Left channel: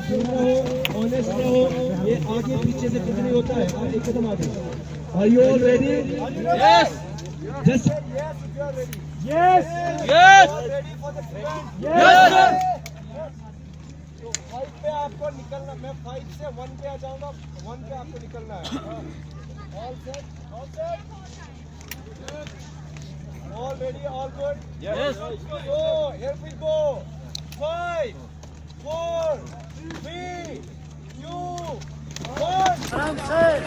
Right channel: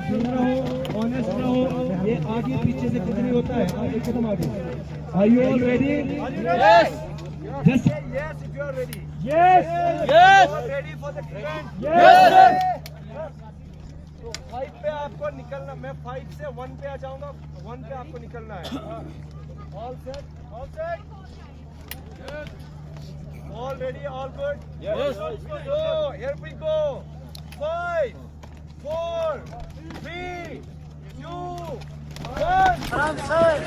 ठीक रहो, ऑनेस्ट रहो, ये आगे पीछे से कुछ नहीं होता है, आप एक कदम आगे। Are you all ready? Yes. Just say Yes if you are ready. yes. Yes. You are ready for the event? Yes. तो 5 पे आपको निकलना, मैं 5 से 1 पे आ जाऊंगा, 1 पे आपको निकलना है। All set? All set? All ready? All good? Yes. So here we go. 5, 4, 3, 2, 1.